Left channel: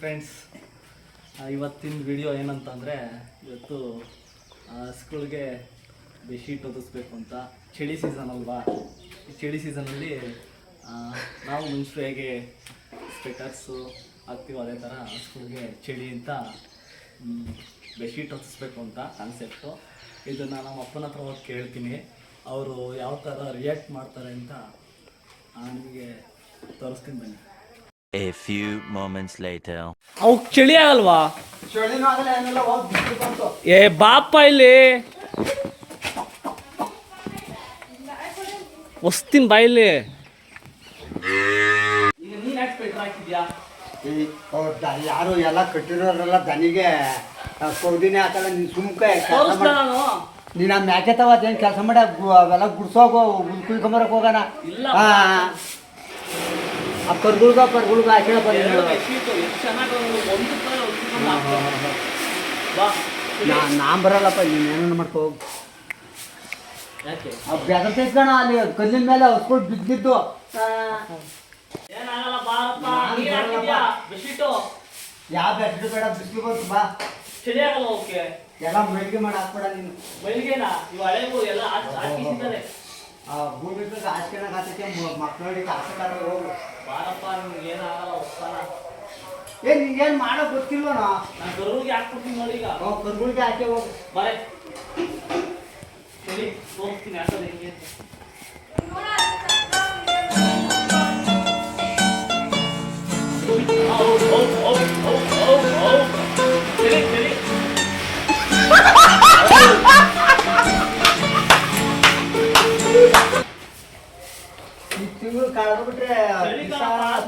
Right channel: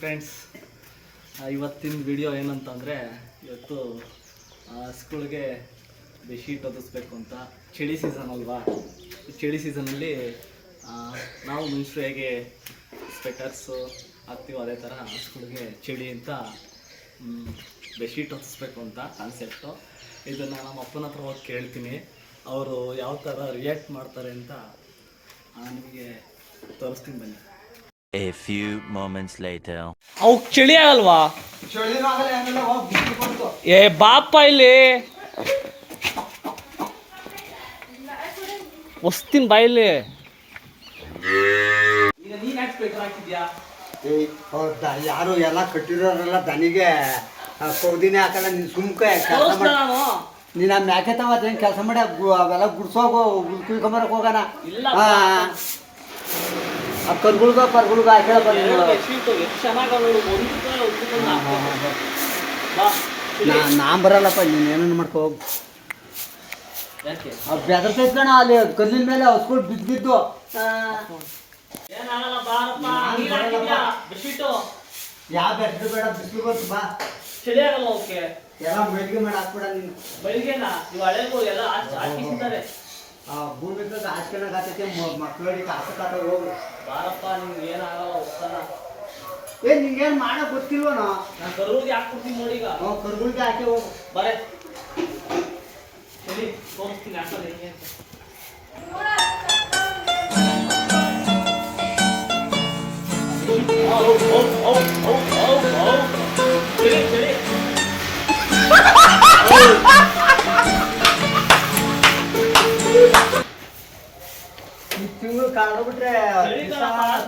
Friends, ಇವತ್ತಿನ video ಏನಂತಂದರೆ, ಇವತ್ತು ಸ್ಕೂಲ್ಗೆ ಬೆಡ್ಶೀಟ್ ಒದಿಸ್ಬೇಕು ಅಂತ. ಚಳಿ ಸೀಸನ್ ಅಲ್ವಾ, ಈ ಚಳಿ ಸೀಸನಲ್ಲಿ ನಾವು ಮನುಷ್ಯರು ಹೇಗೆ ಸ್ವೆಟರ್ಸು ಹಾಕ್ತೀವೋ ಅದೇ ಥರ ಸ್ಕೂಲ್ಗೆ ಚಳಿ ಅಂತ ಬೆಡ್ಶೀಟ್ ಒದಿಸ್ಬೇಕು ಅಂತ ಕಾನ್ಸೆಪ್ಟು. ಇದನ್ನು ನಮ್ಮ ಅಪ್ಪನ ಹತ್ರ ಹೋಗಿ ಕೇಳ್ತೀನಿ, ಅವರು ಯಾವ ಥರ ರಿಯಾಕ್ಟ್ ಮಾಡ್ತಾರೆ ಅಂತ ನಿಮಗೆ ತೋರಿಸ್ತೀನಿ ಬನ್ನಿ. A few moments later. ಅವಕ್ಕೆ ಚಳಿ ಆಗಲ್ವಾ? ಏ ಬಾಪ ಇಲ್ಲಿ ವಸ್ತಿನ ಬಾಯಿಲಿ. ಯಾರು ಎಲ್ಲ ಕಟ್ಟಿರೋರೆಲ್ಲ ದನಿಗೆ ಕೌದಿನೇ ಹಾಕಲ್ಲ. ನೀನು ಸುಮ್ಕೆ ಕೆಲಸ ಮಾಡಿ, ನೀನು ಆ ಮ್ಯಾಕೆ ತಗೋತೇನು ಕೆಲಸ ಮಾಡಿ ಅವೆಲ್ಲ ಗುಡ್ಸೋಗೋ ಕುಯ್ಕೊಂಬರಕ್ಕೆ ಹೋಗೋಣ. ಆ ಕರ್ಗುಳ್ಗ ಹಾಕೇಳ ನಾನ್ ಬರಲ್ಲಪ್ಪ, ನೀನು ಏನನ್ನ ಮಾಡ್ಕೋ. ಬೆದರ್ಸೈತ್ ಕಣ, ಅಲ್ಲಿ ಕಲ್ಲಿನ ಮೇಲೆ ಹೊಸ್ಕೊಂಡು ಬಿದ್ದು ಯಾವ ಬೆಟ್ಟು ಬೇಡ, ಬಿಸಿಲು ಬಂತು ಬಾ. ಚಳಿ ಆಗಲ್ಲ ಅವಕ್ಕೆ, ಎಲ್ಲ ಮೈಲಿಗೆ ಮಾಡಿ ಹಾಕ್ಬೇಡ ನೀನು. ಬೆಳಿಗ್ಗೆನಾ ಇವು ಹಳೆಗೂ ಎಲ್ಲ ಹಾಕಿಸಿದ್ದಾರೆ. ಭೂಮಿ ಹಾಚ್ಕೊಂಡಾಗ ಆಗ್ತೈತಿ, ಮಕ್ಕಳಿಗೆ ಹಾಕ್ಸಕ್ಕಾಗ ಹೋಗು ಬಾರಪ್ಪ. ನಿಮ್ಗೆ ಏನಾಗಲ್ಲ ಹೋಗ್ತಾನ. ನಿಂಗೇನು ಮಾಡೋ ಗೊತ್ತಿಲ್ವನೋ. ನಾನು ಕರುವಿಗೆ ಹಾಕ್ಬಿಡ್ತೀನಿ ನೋಡಿ. ಈಗ ಕರ್ಗುಳಿಗೆ ಹಾಕಿ ಹೋಗು ಬರೇ ಸರಿ, ತೋರಿಸ್ತೀನಿ ಹಾಕೋದು ಹೆಂಗೆ ಅಂತ. ಈ ತಿಂಗಳು ಕಳೆದ್ಬಿಟ್ರೆ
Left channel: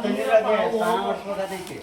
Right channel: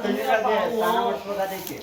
ತಣ್ಣೀರಾಗೆ ಸ್ನಾನ ಮಾಡಿಸ್ಬೇಕಾದೈತಿ.